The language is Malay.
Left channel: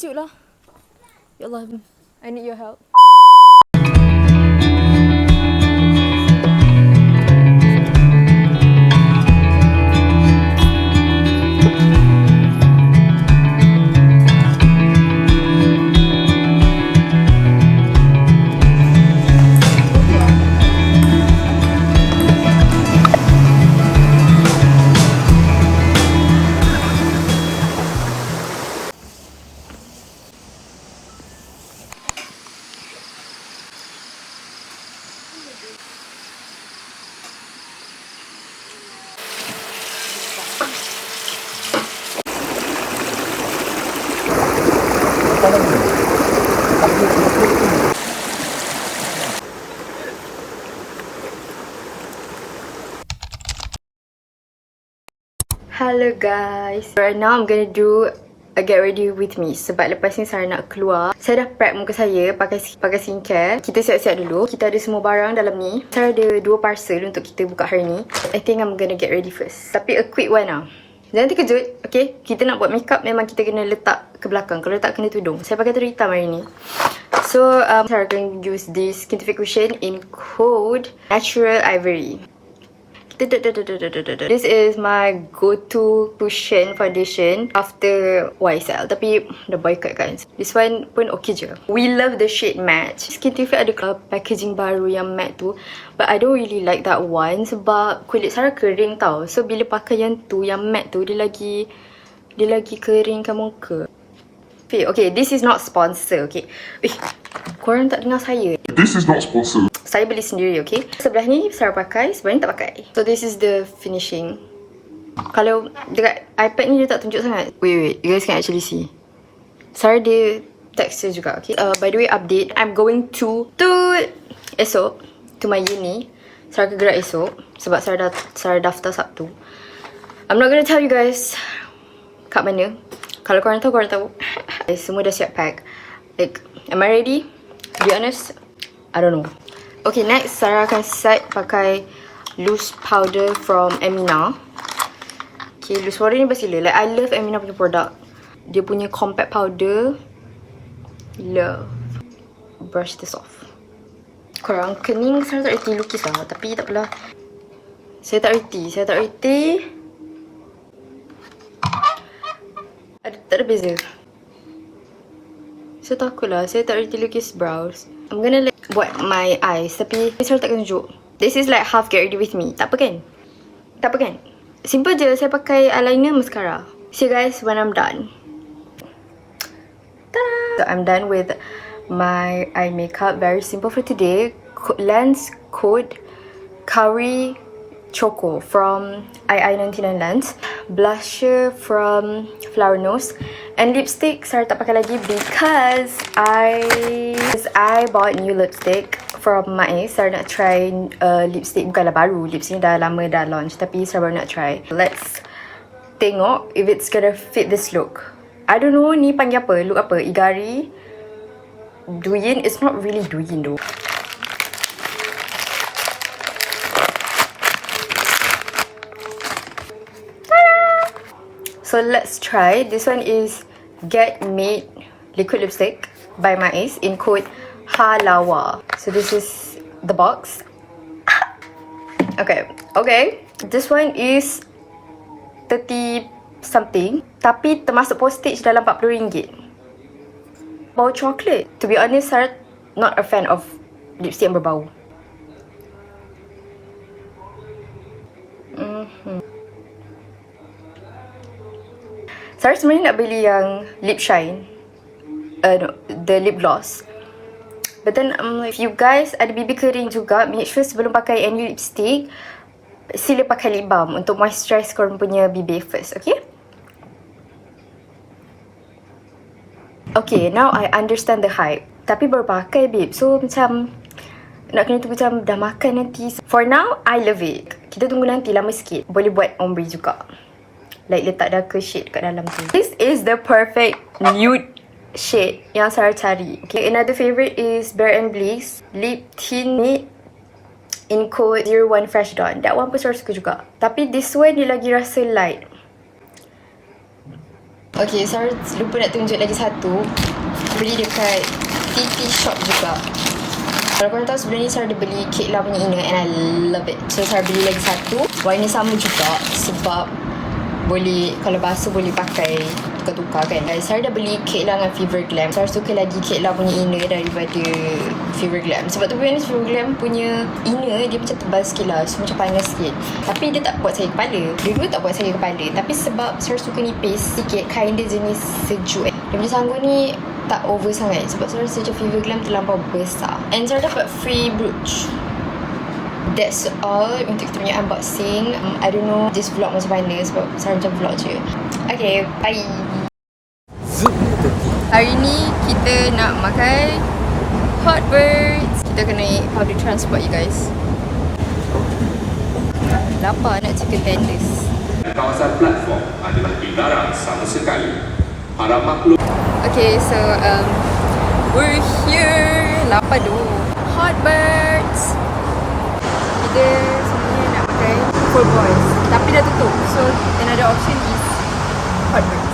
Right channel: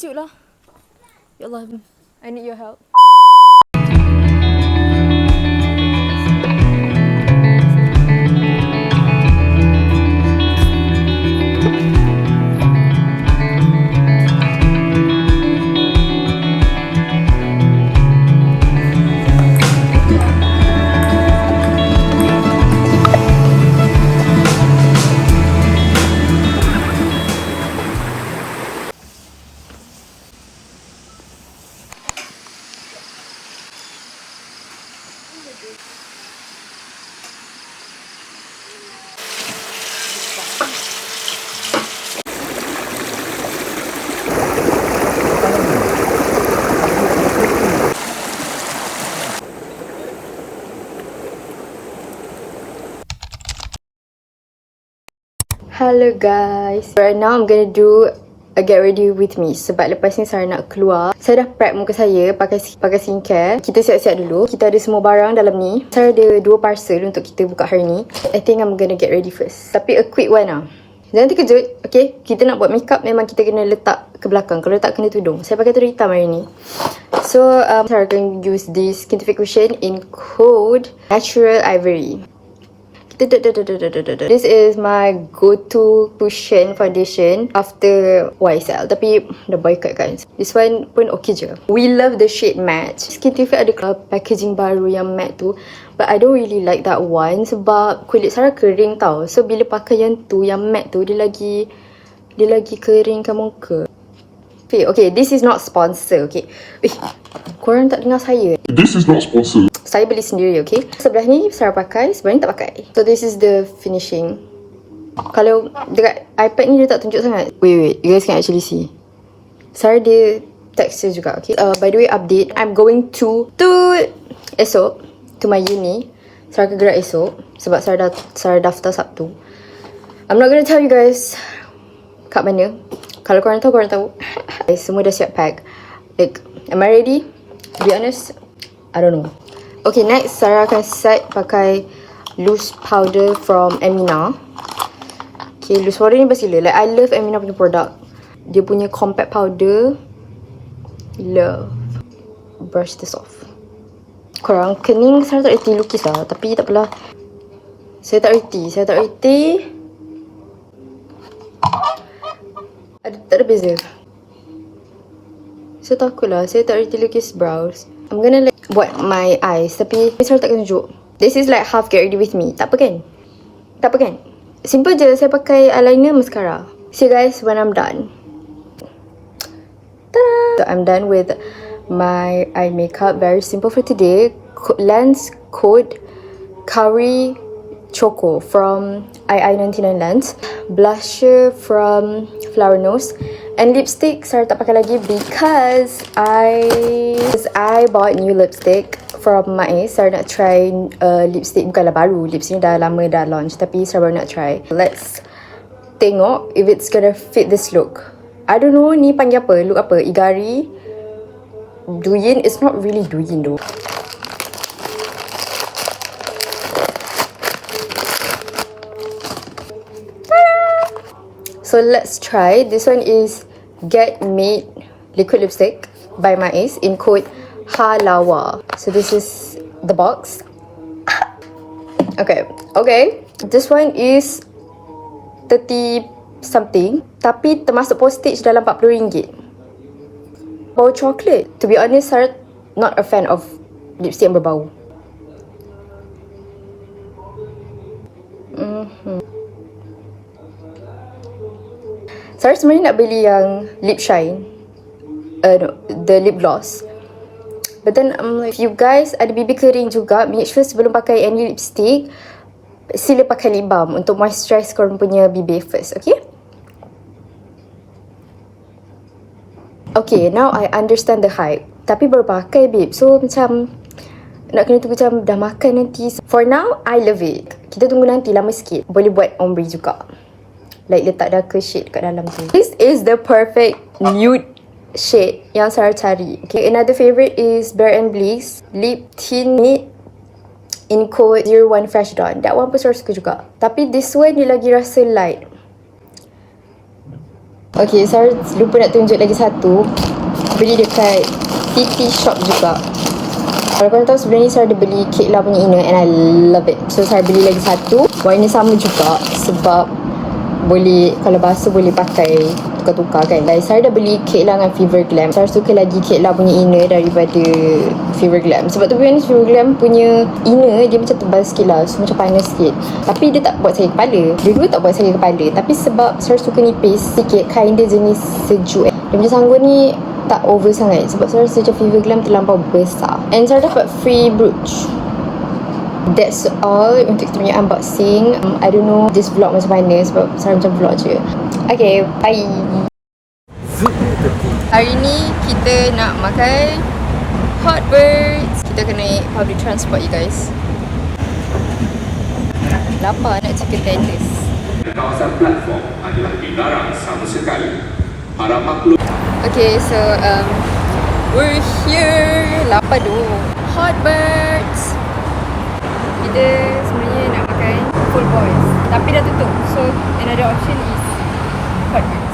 sejuk lah. Ya Allah, I need your help. Hello guys. Right now I'm gonna do a get ready with me. Sebab lepas ni Sarah nak keluar. Saya dah prep muka saya pakai skincare. Kita siap-siap dulu. Kita ada semua barang dalam ni. Sarah ada 2 parcel untuk kita buka hari ni. I think I'm gonna get ready first. Tapi a quick one lah. Jangan terkejut, okay? Kita nak buat makeup memang kita kena letak ke belakang. Kalau letak kena tudung. Saya pakai tudung hitam hari ni. So, Sarah akan use this skin cushion in code Natural Ivory. This is my go-to cushion foundation after YSL. Tapi dah boycott kan. This one pun okay je. We love the shade match. Skin TV ada packaging baru yang matte tu. But I don't really like that one. Sebab kulit Sarah kering tau. So bila pakai yang tu, yang matte tu, dia lagi keringkan muka. Okay, this is not sponsor, okay. Korang tak dengar saya. This is not sponsored. Saya beli sendiri, okay. Sebelah ni Sarah pakai, sebelah ni tak pakai. So this is the finishing. Kalau dekat iPad ni dia tak tunjuk sangat. Wait, you guys can actually see. Sarah dia texture juga, okay. By the way, update. I'm going to esok to my uni. Sarah kegerak esok sebab Sarah daftar Sabtu. I'm not gonna tell you guys kat mana. Kalau korang tahu, korang tahu. Semua dah siap pack. Like, am I ready? To be honest, I don't know. Okay, next Sarah akan set pakai loose powder from Emina. Okay, loose powder ni best gila. Like, I love Emina punya produk. Dia punya compact powder. Love. Brush this off. Korang kening Sarah tak reti lukis lah. Tapi tak apalah. Saya tak reti. Tak ada beza. So takutlah. Saya tak reti lukis brows. I'm gonna like buat my eyes. Tapi Sarah takkan tunjuk. This is like half get ready with me. Tak apa kan? Simple je. Saya pakai eyeliner, mascara. See you guys when I'm done. Ta-da! So I'm done with my eye makeup. Very simple for today. Lens code Curry Choco from II99 Lens. Blusher from Flower Nose. And lipstick Sarah tak pakai lagi because I bought new lipstick from Maiz. Sarah nak try lipstick, bukanlah baru. Lipstick ni dah lama dah launch. Tapi Sarah baru nak try. Let's tengok if it's gonna fit this look. I don't know ni panggil apa. Look apa? Igari? Douyin? It's not really Douyin though. So let's try. This one is Get Made Liquid Lipstick by Maiz in code HALAWA. So this is the box. Okay. This one is 30 something. Tapi termasuk postage dalam RM40. Bau coklat. To be honest, Sarah not a fan of lipstick yang berbau. Sarah sebenarnya nak beli yang lip shine. No, the lip gloss. But then if you guys ada bibir kering juga, make sure sebelum pakai any lipstick, sila pakai lip balm untuk moisturize korang punya bibir first, okay? Okay, now I understand the hype. Tapi baru pakai babe, so macam nak kena tunggu macam dah makan nanti. For now, I love it. Kita tunggu nanti lama sikit. Boleh buat ombre juga. Like letak darker shade kat dalam tu. This is the perfect nude shade yang Sarah cari. Okay, another favorite is Bare and Bliss Lip Tint Matte in code 01 Fresh Dawn. That one pun Sarah suka juga. Tapi this one dia lagi rasa light. Okay, sorry lupa nak tunjuk lagi satu. Beli dekat TT Shop juga. Kalau korang tahu sebenarnya saya ada beli Kek Lah punya inner and I love it. So saya beli lagi satu. Warna sama juga sebab boleh, kalau basuh boleh pakai tukar-tukar kan. Guys, saya dah beli Kek Lah dengan Fever Glam. Saya suka lagi Kek Lah punya inner daripada Fever Glam. Sebab tu biasanya Fever Glam punya inner dia macam tebal sikit lah. So macam panas sikit. Tapi dia tak buat saya kepala. Dua-dua tak buat saya kepala. Tapi sebab saya suka nipis sikit, kain dia jenis sejuk. Dia punya sanggun ni tak over sangat sebab saya rasa macam Fever Glam terlampau besar. And saya dapat free brooch. That's all untuk kita punya unboxing. I don't know this vlog macam mana sebab saya macam vlog je. Okay, bye. Hari ni kita nak makan hot birds. Kita kena naik public transport you guys. Lapar nak chicken tenders. Kawasan platform adalah dilarang sama sekali. Harap maklum. Okay, so we're here. Lapar tu. Hot birds. Kita sebenarnya nak makan full boys tapi dah tutup. So another option is hot birds.